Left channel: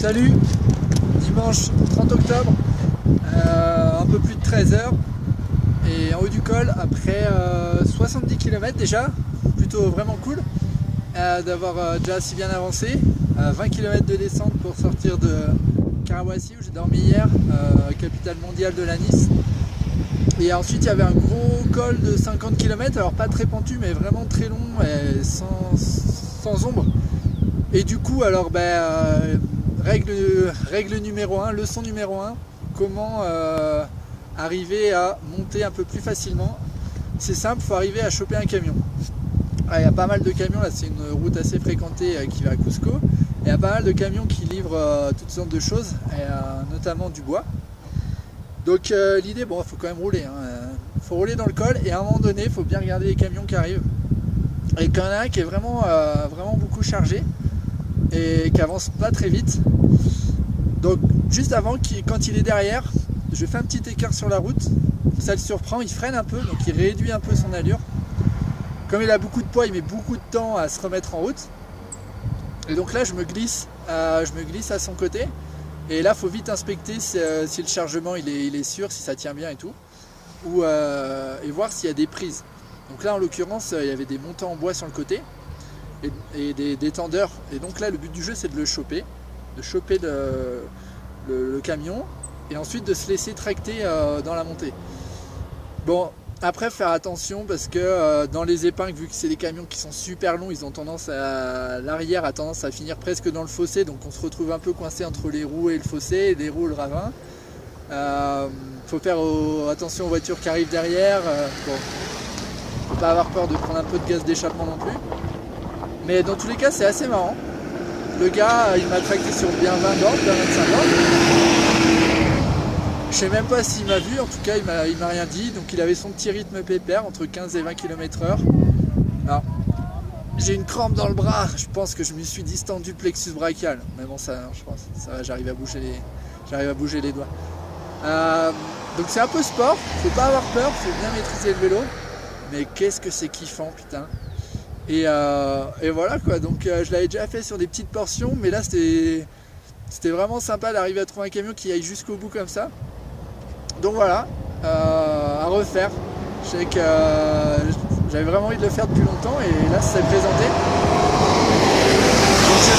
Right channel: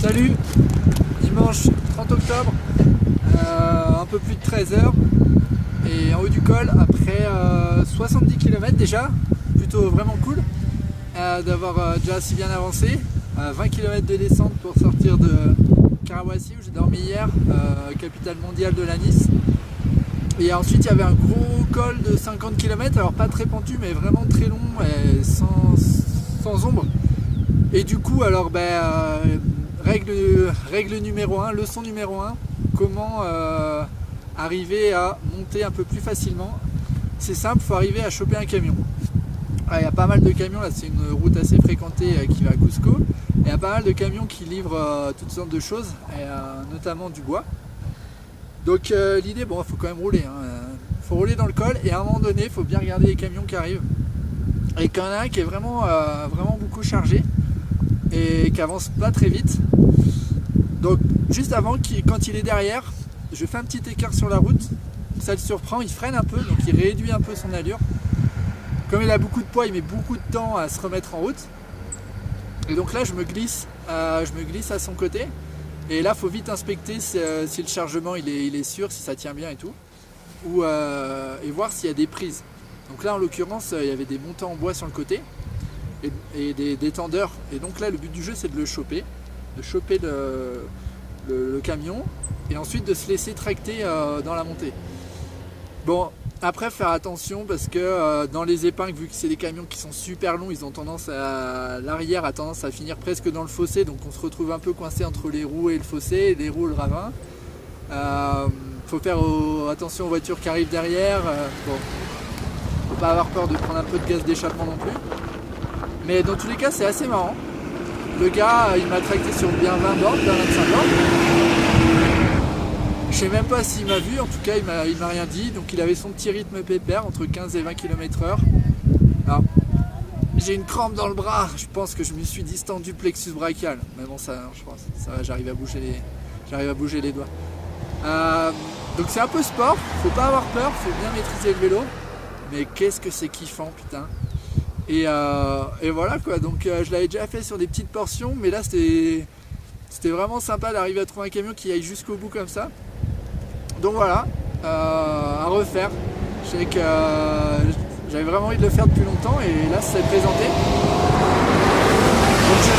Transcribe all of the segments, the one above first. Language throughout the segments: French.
Salut, dimanche 30 octobre, un peu plus de 13 h et en haut du col après 70 km déjà, plutôt vraiment cool d'avoir déjà si bien avancé. 20 km de descente pour sortir de Karawaci où j'ai dormi hier, capitale mondiale de la Nice. Et ensuite il y avait un gros col de 50 km, alors pas très pentu mais vraiment très long et sans ombre. Et du coup alors règle numéro 1, leçon numéro 1, comment arriver à monter un peu plus facilement. C'est simple, il faut arriver à choper un camion. Il y a pas mal de camions, là c'est une route assez fréquentée qui va à Cusco. Il y a pas mal de camions qui livrent toutes sortes de choses, notamment du bois. Donc l'idée, bon, il faut quand même rouler. Il faut rouler dans le col et à un moment donné, il faut bien regarder les camions qui arrivent. Et qu'il y en a un qui est vraiment beaucoup chargé et qui avance pas très vite. Donc juste avant, quand il est derrière, je fais un petit écart sur la route. Ça le surprend, il freine un peu, donc il réduit un peu son allure. Comme il a beaucoup de poids, il met beaucoup de temps à se remettre en route. Et donc là, je me glisse à son côté. Et là, il faut vite inspecter si le chargement il est sûr, si ça tient bien et tout. Et voir s'il y a des prises. Donc là, en l'occurrence, il y avait des montants en bois sur le côté. Et des tendeurs. Et donc là, le but du jeu, c'est de le choper. De choper le camion. Et ensuite de se laisser tracter dans la montée. Bon. Après, faire attention parce que dans les épingles, vu que c'est des camions qui sont super longs, ils ont tendance l'arrière a tendance à finir presque dans le fossé, donc on se retrouve un peu coincé entre les roues et le fossé, les roues et le ravin. Faut faire attention aux voitures qui arrivent derrière. Bon, faut pas avoir peur de prendre un peu de gaz d'échappement non plus. Mais dans tous les cas, c'est assez marrant. Le gars, il m'a tracté sur bien 20 bornes, bien 25 bornes. Je sais même pas s'il m'a vu, en tout cas il m'a rien dit, donc il avait son petit rythme pépère entre 15 et 20 km/h. Alors j'ai une crampe dans le bras, je pense que je me suis distendu le plexus brachial, mais bon ça je pense, ça va, j'arrive à bouger les doigts. Donc c'est un peu sport, faut pas avoir peur, faut bien maîtriser le vélo, mais qu'est-ce que c'est kiffant putain. Et voilà quoi, donc je l'avais déjà fait sur des petites portions, mais là c'était vraiment sympa d'arriver à trouver un camion qui aille jusqu'au bout comme ça. Donc voilà, à refaire. Je sais que j'avais vraiment envie de le faire depuis longtemps et là ça s'est présenté. Donc je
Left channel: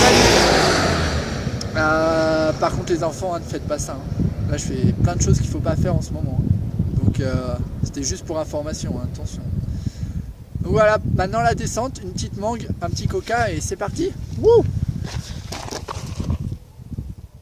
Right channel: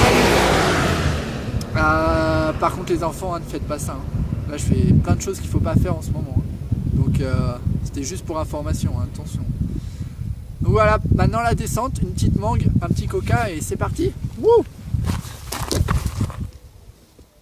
valide. Par contre les enfants, ne faites pas ça. Là je fais plein de choses qu'il ne faut pas faire en ce moment. Donc c'était juste pour information, attention. Donc voilà, maintenant la descente, une petite mangue, un petit coca et c'est parti. Wouh!